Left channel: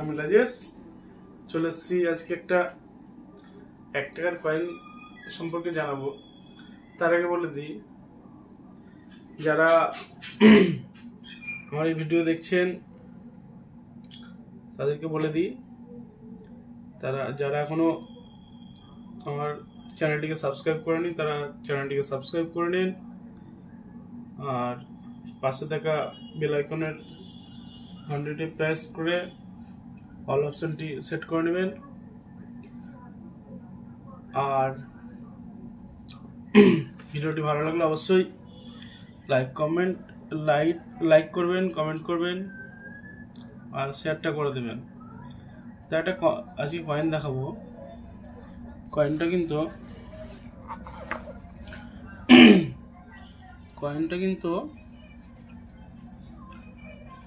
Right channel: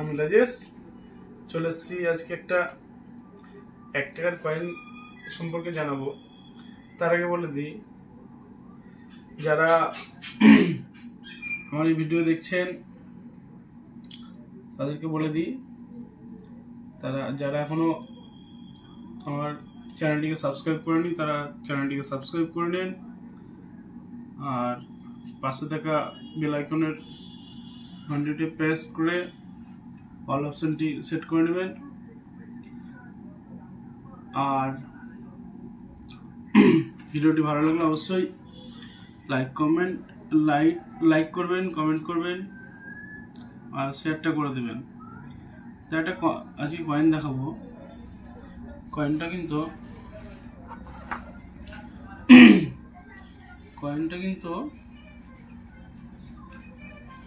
আমি রাজেশ চলে এসেছি আজকে একটা 1 টাকার কয়েন সম্পর্কে জানাবো। তার আগে বলে দিই, যারা আমার এই ভিডিও দেখছেন তাদেরকে বলে দিই, যারা এখনো আমার চ্যানেলটিকে সাবস্ক্রাইব করেনি তারা চ্যানেলটিকে সাবস্ক্রাইব করে নিন, আর পাশে থাকা বেল আইকনের ঘন্টিটি প্রেস করে অল অপশনটি সেট করে নেবেন। আর ভিডিওটি ভালো লাগলে অবশ্যই লাইক করবেন, কমেন্ট করবেন আর শেয়ারটা করে দেবেন। তো একটা আজকে কয়েন দেখাবো। কয়েনটা কিন্তু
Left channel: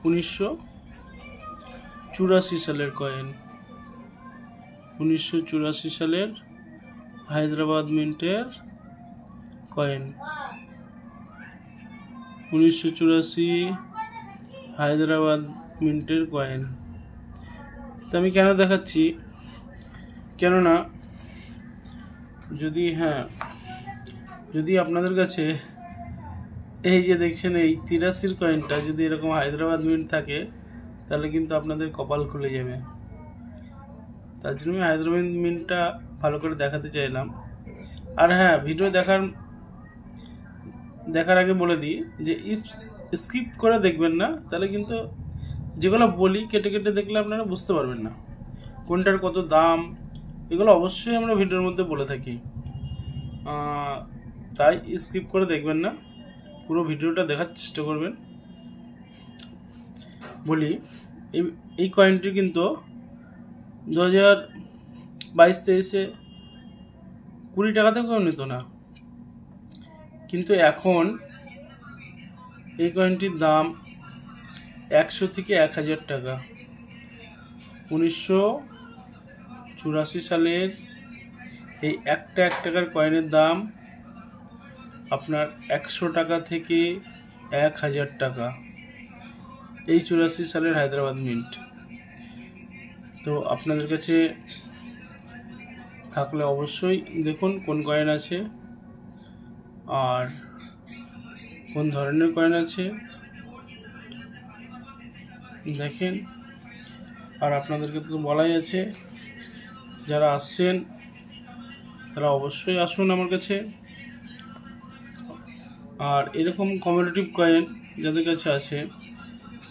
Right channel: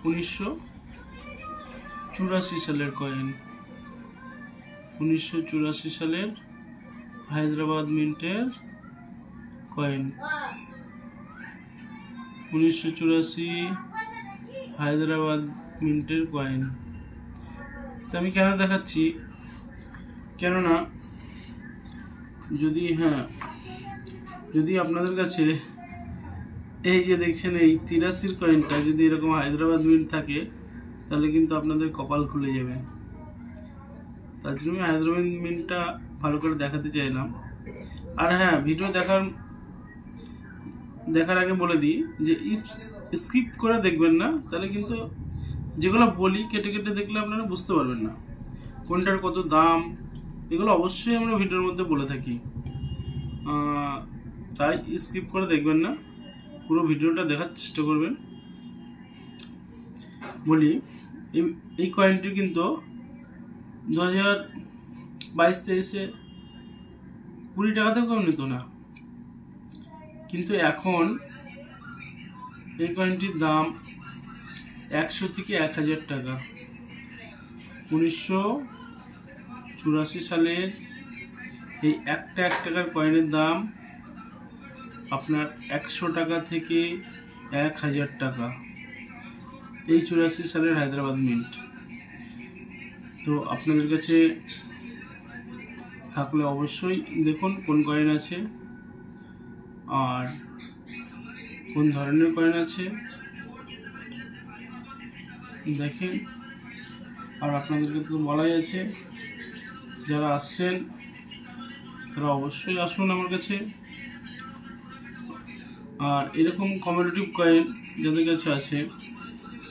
1984 সালের কয়েন। 1984 সালের হায়দ্রাবাদ মিন্টের কয়েন। 1984 হায়দ্রাবাদ মিন্টের কয়েন। তো আমি কেন দেখাচ্ছি, কেননা যদি আপনাদের কাছে এই যে দেখছেন এই 83 কয়েনটা যদি এরকম হায়দ্রাবাদ মিন্ট থাকে, তাহলে কিন্তু আপনাদের কপাল খুলে যাবে। তার জন্য আমি হায়দ্রাবাদ মিন্টটা ভালো করে দেখাতে চাইলাম। আর হ্যাঁ, ভিডিও দেখার আগে বলে দিই যে স্কিপ করে দেখবেন না, তাহলে কিন্তু যেগুলো বলি কেটে কেটে দেখলে আপনারা বুঝতে পারবেন না কোনটার কত দাম। এগুলো অবশ্যই আমরা ভিডিওর মধ্যে বলে থাকি, তাই স্কিপ করে দেখবেন না, পুরো ভিডিওটা দেখার চেষ্টা করবেন। বলি, এই কয়েনটি কিন্তু 2022-23-এ 20 টাকাতেও কেউ নিত না, কিন্তু এখন এই কয়েনটির দাম 100 থেকে 1000 টাকা। 1984 সালের এই একটা 1 টাকার কয়েনের দাম আপনার 100 টাকা থেকে 1000 টাকা। এই 84 সালের হায়দ্রাবাদ মিন্ট। তো আপনাদের কাছে থাকলে অবশ্যই দেখুন কোন কয়েন আছে আর কোন ধরনের কয়েন আছে, দেখেন। আর আপনাদেরকে তো বলাই আছে, যারা আসছেন তারা অবশ্যই আসুন আমার কাছে। আর এরকম কমোডিটিভ কয়েন যাদের কাছে আছে,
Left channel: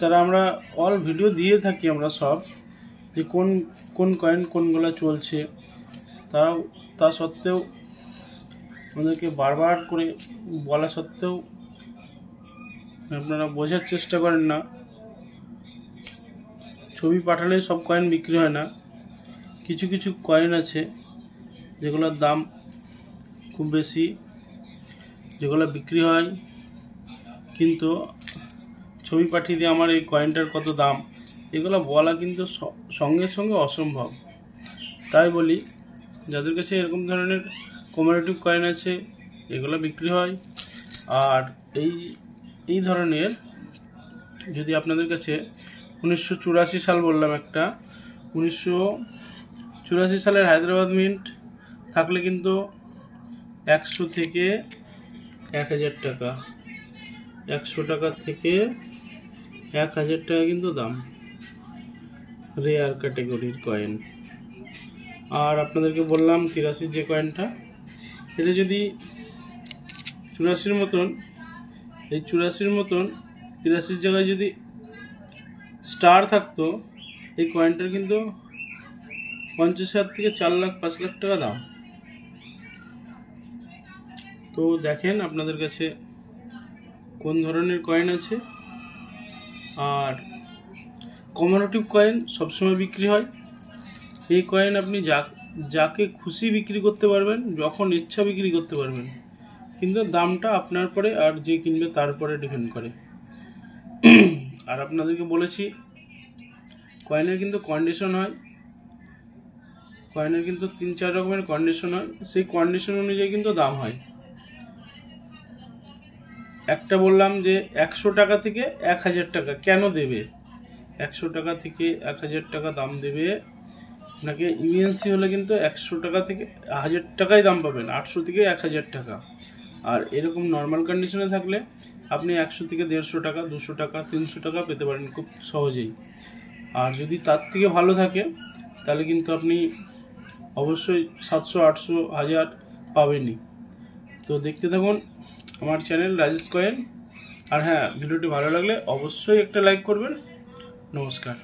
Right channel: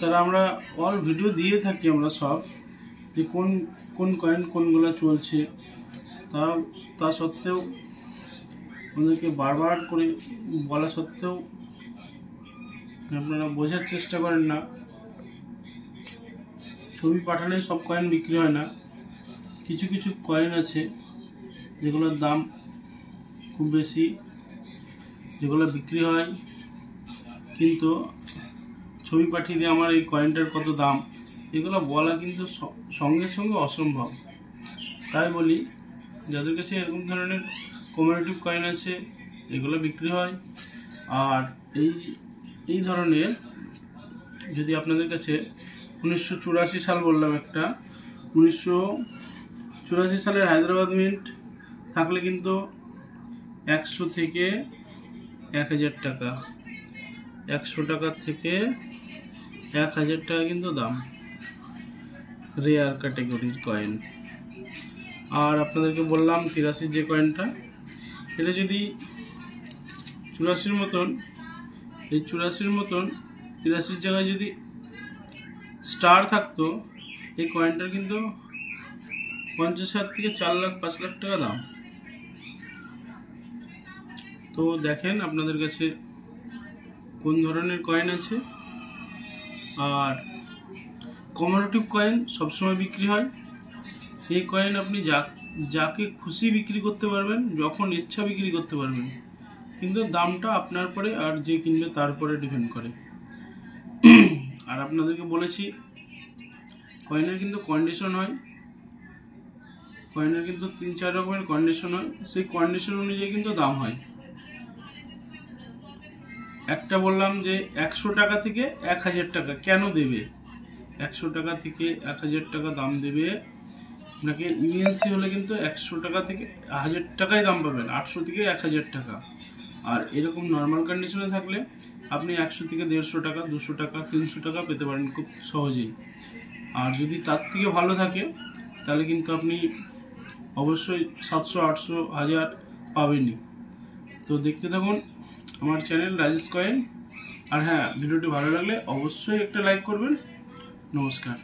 তারা আমরা অল ভিডিও দিয়ে থাকি আমরা সব, যে কোন কয়েন কোনগুলো চলছে। তা সত্ত্বেও আমাদেরকে বারবার করে বলা সত্ত্বেও আপনারা বোঝার চেষ্টা করেন না। ছবি পাঠালে সব কয়েন বিক্রি হয় না। কিছু কিছু কয়েন আছে যেগুলোর দাম খুব বেশি, যেগুলো বিক্রি হয়, কিন্তু ছবি পাঠিয়ে দিয়ে আমার এই কয়েনটার কত দাম এগুলো বলা কিন্তু সঙ্গে সঙ্গে অসম্ভব। তাই বলি, যাদের কাছে এরকম ধরনের কমোডিটিভ কয়েন আছে এগুলো বিক্রি হয়। আর এই ধরনের যদি আপনাদের কাছে 1984 সাল বললাম একটা, 1984 সালের হায়দ্রাবাদ মিন্ট থাকলে কিন্তু 100 থেকে 1000 টাকা। 100 টাকা থেকে 1000 টাকা কিন্তু দাম, রেয়ার ক্যাটাগরির কয়েন। আর আপনাদেরকে বললাম 83 যে কয়েনটা, এটা যদি 84 মতন, এই 84 মতন 83 জায়গায় যদি স্টার থাকতো, এই কয়েনটার কিন্তু 50,000 থেকে 4 লাখ 5 লাখ টাকা দাম। তো দেখেন আপনাদের কাছে কোন ধরনের কয়েন আছে। আর কমোডিটিভ কয়েন সবসময় বিক্রি হয়। এই কয়েন আপনি যাকে খুশি বিক্রি করতে পারবেন, যখন ইচ্ছা বিক্রি করতে পারবেন, কিন্তু দামটা আপনার পরে আর যে কিনবে তার পরে ডিপেন্ড করে। আর আপনাদেরকে বলেছি, কয়েনের কিন্তু কন্ডিশন হয়, কয়েনের কিন্তু 3-4 রকমের কন্ডিশন হয়, সেই কন্ডিশন অনুযায়ী কিন্তু দাম হয়। একটা বললাম যে 100 টাকা থেকে 1000 টাকা কেন দেবে, 100 টাকা থেকে 1000 টাকা দাম দেবে আপনাকে। ইউএনসি হলে কিন্তু 100 টাকা থেকে 1000 টাকাই দাম পাবেন, 800 থেকে 1000 টাকা। আর এরকম নর্মাল কন্ডিশনে থাকলে আপনি 100 থেকে 150 টাকা, 200 টাকা, 300 টাকা পেতে পারেন খুব সহজেই। আর যদি তার থেকে ভালো থাকে তাহলে কিন্তু আপনি অবশ্যই 700, 800, 1000 পাবেনই। তো দেখতে থাকুন আমার চ্যানেল রাজেশ কয়েন। আর হ্যাঁ, ভিডিওটি ভালো লাগলে অবশ্যই একটা লাইক করবেন। নমস্কার।